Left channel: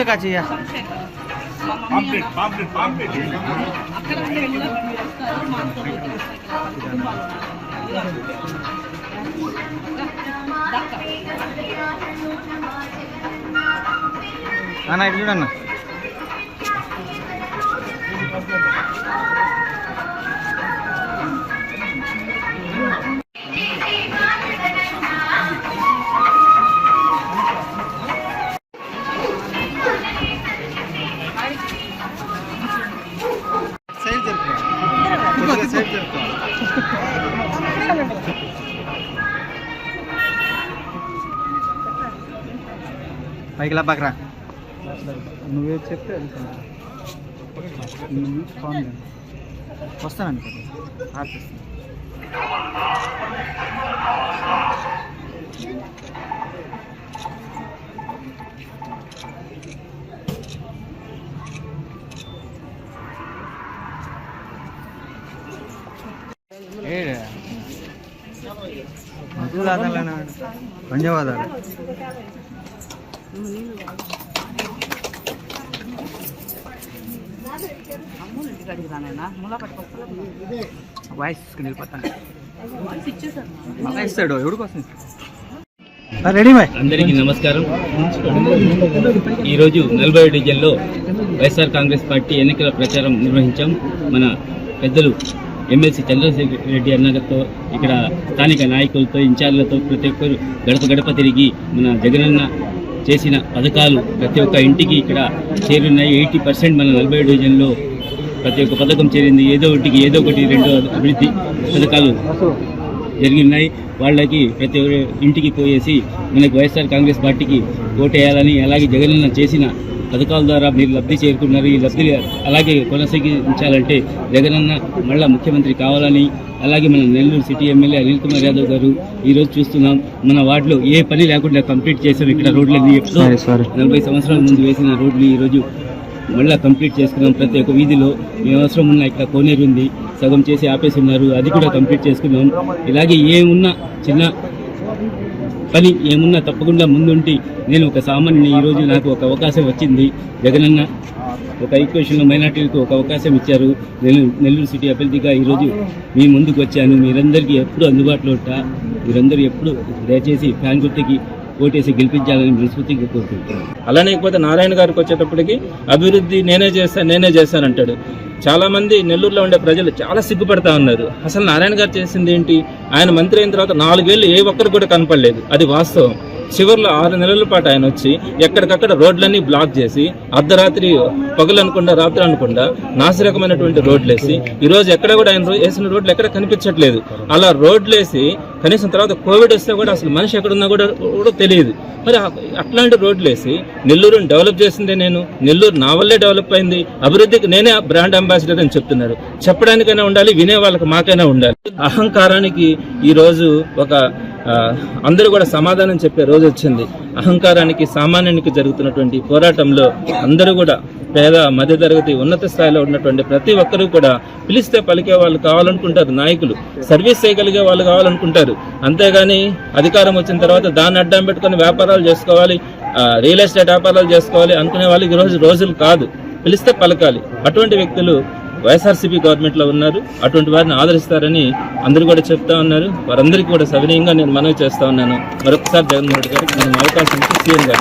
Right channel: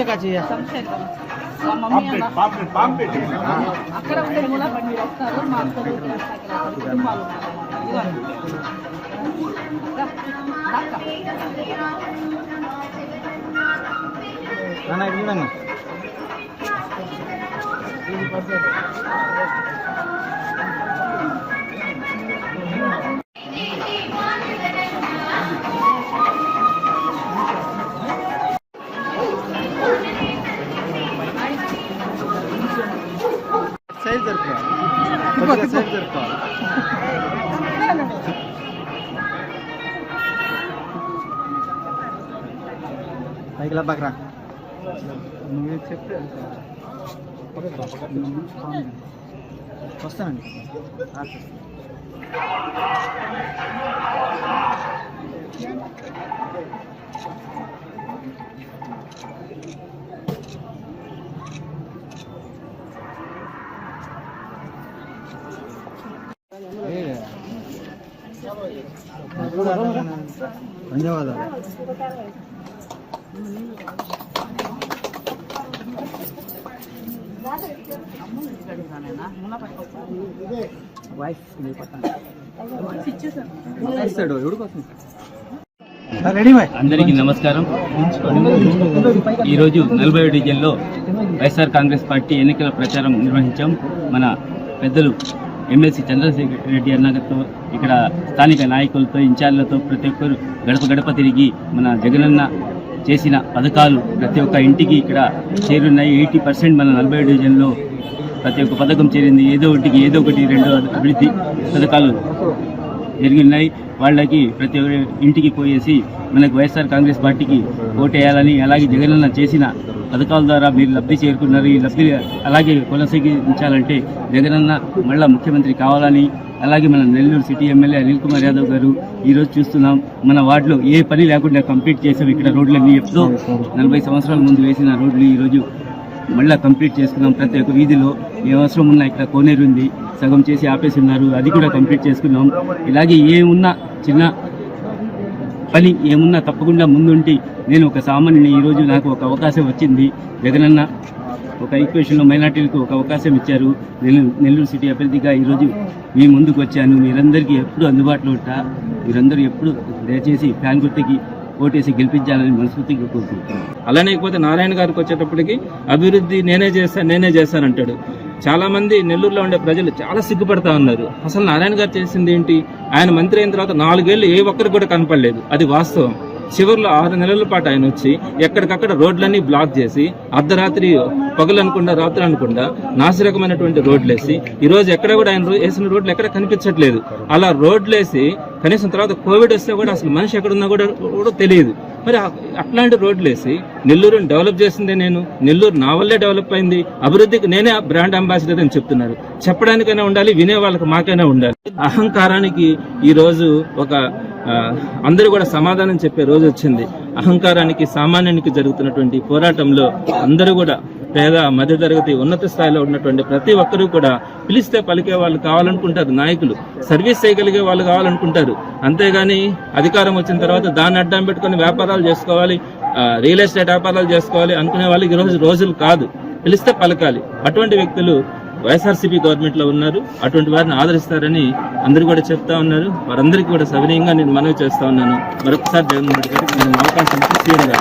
पीछे का चाहिए అక్కడ ఉండే కూడా బండి వస్తారు మా కుటుంబాలు అన్న ఇది చూడన్న పైకి లబ్బాకరా నువ్వే చెప్తే వస్తానండి ధన్యవాదాలు అందరికీ నమస్కారం. ఈరోజు 40 డివిజన్లో వైఎస్ఆర్ కాంగ్రెస్ పార్టీ ఎన్నికల ప్రచారం నిర్వహించాం. మన పెద్దలు ఎమ్మెల్సీ చంద్రశేఖర్ రెడ్డి అన్నతో ఇక్కడ స్థానిక నాయకులతో ఇన్ఛార్జ్లతో ప్రతి ఒక్కరు గడప గడప తిరిగి మన జగనన్న చేసిన పథకాలు ప్రతి ఒక్క ఇంటికి ఇక్కడ చేరున్నాయి. 80% మన 40 డివిజన్లో ప్రతి ఒక్క పథకం చేరింది. ఏదో ఒకటి 2 అభివృద్ధి పథకాలు జరిగినాయి. వాళ్ళకి ప్రతి ఒక్క ఇంటికి పోయేసి మనకు వైఎస్ఆర్ కాంగ్రెస్ పార్టీకి ఓటేయాలని, అలాగే జగనన్న చేసిన పథకాల ద్వారా మీరు లబ్ధి చేరుకున్నారు. ఈ లబ్ధి అలాగే కొనసాగించాలంటే జగనన్న మళ్ళా ముఖ్యమంత్రి కావాలని, అలాగే మన నెల్లూరు సిటీ ఎమ్మెల్యే అనిల్ కుమార్ యాదవ్ గారు ఈరోజు చూస్తున్నాం మన వార్డులో ఏ పని లేకుండా కంప్లీట్ చేసాం. ఇక్కడ రోడ్లన్నీ ఎప్పుడో 40 సంవత్సరాల ముందు వేసిన రోడ్లు ఈరోజు మళ్ళీ కంప్లీట్ చేసుకున్నాం. ప్రతి ఒక్క వీధిలో ఏ అవసరం ఉన్నా ఇక్కడ కోనేరు ఉంది, సగం చేసి ఆపేసి ఉన్నారు, అది కూడా కంప్లీట్ చేసుకున్నాం. ఇలాగే ఏమున్నా చిన్న పని ఏమున్నా తప్పకుండా ముందుంటి నేను ఒక సామాన్యుని. ఈరోజు నాకు ఒక అవకాశం వచ్చింది. జగనన్న ఒక ఈక్వేషన్లో మైనార్టీలకు ఒక అవకాశం ఇచ్చారు. నెల్లూరు సిటీ అభ్యర్థిగా ఈరోజు మీ ముందుకు వచ్చాను. మీరందరికీ ఎప్పుడు అందుబాటులో ఉంటా. మీరందరూ ఎప్పుడు దయచేసి ఫ్యాన్ గుర్తుకి ఓటేసి గెలిపించాలని మనస్ఫూర్తిగా కోరుకుంటున్నాను. అలానే ఇకపోతే నారాయణ గారికి వచ్చేటప్పటికి అభివృద్ధి నేనే చేస్తానంటాడు. చాలా మంది నెల్లూరులో ఉండే ప్రజలు చాలా సిగ్గుపడతా ఉన్నారు. అసలు నారాయణ గారు చేసింది ఏంటి? ఆయన మంత్రి అయిన తర్వాత 4 ఏళ్ళు ఏ ఒక్కరికి కూడా కనపడలేదు. అది వాస్తవం. చివరిలో 6 నెలల పాటు ఆయన వచ్చి ఎక్కడికక్కడ రోడ్లన్నీ బ్లాక్ చేసి అర్ధరాత్రి పగలు అనుకుండా రాత్రి అనుకుండా నాసిరకమైనటువంటి రోడ్లు వేసి ఈరోజు ఎక్కడ కూడా ఆయన వేసిన రోడ్లు ఎక్కడ కనిపించట్లేదు. అలా రోడ్లు వేసి కనీసం తర్వాత కోవిడ్ వస్తే కూడా అసలు మనిషి ఎక్కడున్నా కూడా తెలియదు. మరి అట్లాంటి రోడ్లు వేసి నెల్లూరుని డెవలప్ చేసిందే నేను. నెల్లూరు నా వల్లే డెవలప్ అయింది. అభివృద్ధికి నేనే బ్రాండ్ అంబాసిడర్ అని చెప్తున్నారు. చెప్పడానికైనా ఉండాలి, వినే వాళ్ళకి మాకైనా ఉండాలి. అహంకారానికి ఈరోజు ఒక అందరూ కూడా సమాధానం చెప్పే రోజు వచ్చింది. అహంకారానికి సామాన్యునికి జరుగుతున్నటువంటి పోరాటంలో అందరూ కూడా పేద మధ్యతరగతి ఉన్నత స్థాయిలో ఉన్నటువంటి ప్రతి ఒక్కరూ కూడా పిలిస్తే పలికే వాళ్ళు కావాలనుకుంటారు. నాయకులు సర్వీస్ చేయగలిగే వాళ్ళు కావాలనుకుంటారు. అంతేగాని అధికారం వచ్చిన తర్వాత దాన్ని అడ్డం పెట్టుకుని వ్యాపారాలు చేసుకోవాలి, రియల్ ఎస్టేట్ వ్యాపారాలు చేసుకోవాలి అనుకునే వాళ్ళకి ఈరోజు రోజులు కాదు. పిలిస్తే పలకాలి. అటువంటి వ్యక్తులు వైఎస్ఆర్సీపీ గవర్నమెంట్లో ఉన్నారు. అటువంటి వారిని ఆదరిస్తారని అందరూ కూడా చెప్తా ఉన్నారు. వారందరికీ కూడా సవినయంగా నేను మనవి చేస్తా ఉన్నాను. మరొకసారి జగన్మోహన్ రెడ్డి గారికి నేను అవకాశం ఇచ్చి సీఎం గారు